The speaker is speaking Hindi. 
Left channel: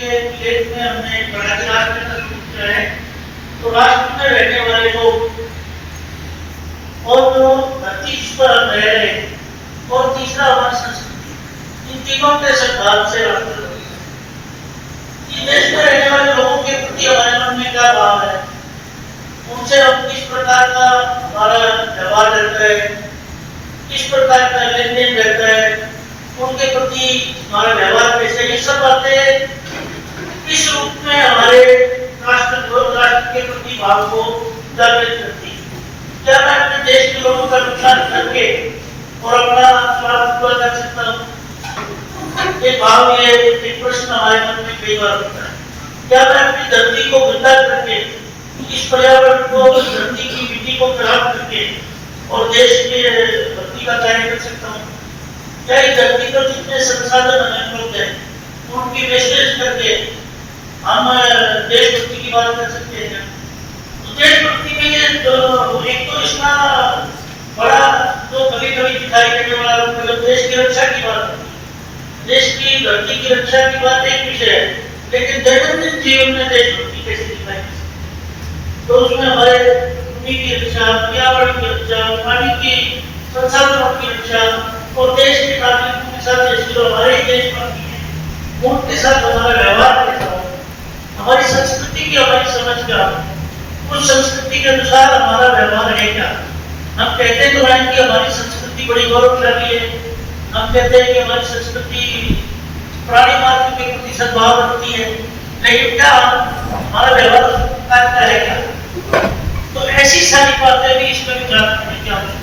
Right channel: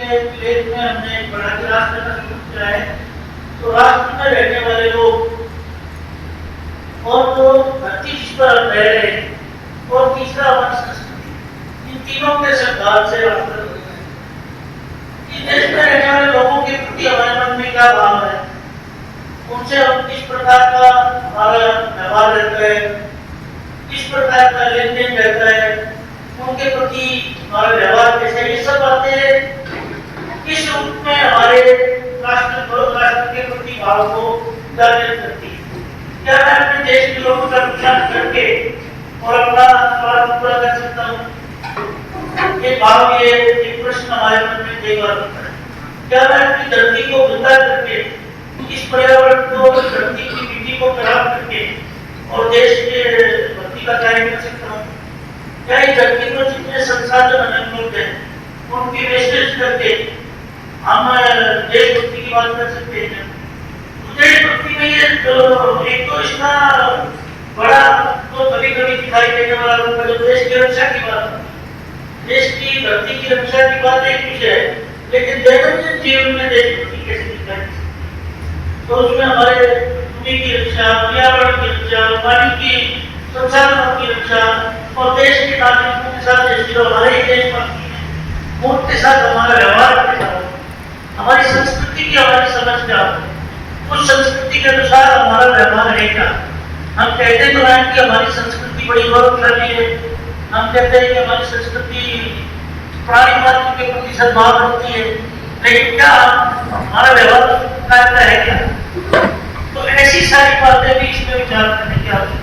के लेख में हमने एक बड़ा राष्ट्र का शुरू किया है। तो राष्ट्र में रहने वाले लोग और जो धरती जिस पर हम रह रहे हैं और तीसरा हमारी संस्कृति, इन तीनों के संघात से राष्ट्र देश में रहने वाले लोगों के प्रति हमारे मन में क्या भाव है, उनसे हम किस प्रकार का हमारा व्यवहार रहता है, किस प्रकार का लेन देन रहता है, उनके प्रति हमारा व्यवहार कैसे, ये सब बातें इस रूप में हमारे राष्ट्र के प्रति भाव को जागृत करती है। क्या मैं अपने देश के लोगों का नुकसान करके और अपना स्वार्थ पूरा कर सकता हूँ? ये भाव, ये एक प्रश्न हमारे मन में कई बार होता है। क्या मैं अपनी धरती को गंदा करके, इस पर्यावरण को, धरती की मिट्टी को खराब करके और देश के भक्ति का कार्य कर सकता हूँ? क्या इस धरती पर जितने संसाधन हमें उपलब्ध है उनकी वेस्टेज करके हम देशभक्ति की बात कर सकते हैं? देशभक्ति में ये एक तो इसका बड़ा तो कभी-कभी दिखाई देने वाला रूप है, देश की रक्षा की बात है, देश की धरती की रक्षा की बात एक विषय है, लेकिन दैनंदिन जीवन में देशभक्ति कैसे दिखाई? तो उसमें हमारे भूमि की रक्षा, पर्यावरण की रक्षा, पानी की संसाधनों की रक्षा और देश के नागरिकों के साथ जैसे जो हमारे ही देश बाकी है उनके साथ हमारा व्यवहार कैसा हो, हमारी संस्कृति की हमारी समझ क्या हो, उस संस्कृति के अनुसार हमारा व्यवहार है क्या? हम कहते तो हैं कि हमारी संस्कृति बड़ी गौरवशाली है, हम कहते हैं कि हमारी संस्कृति प्राणी मात्र के प्रति सद्भाव रखती है, लेकिन क्या हमारा व्यवहार करता है क्या? तो ऐसी सारी बातें भी इसमें विचार करने की आवश्यकता है।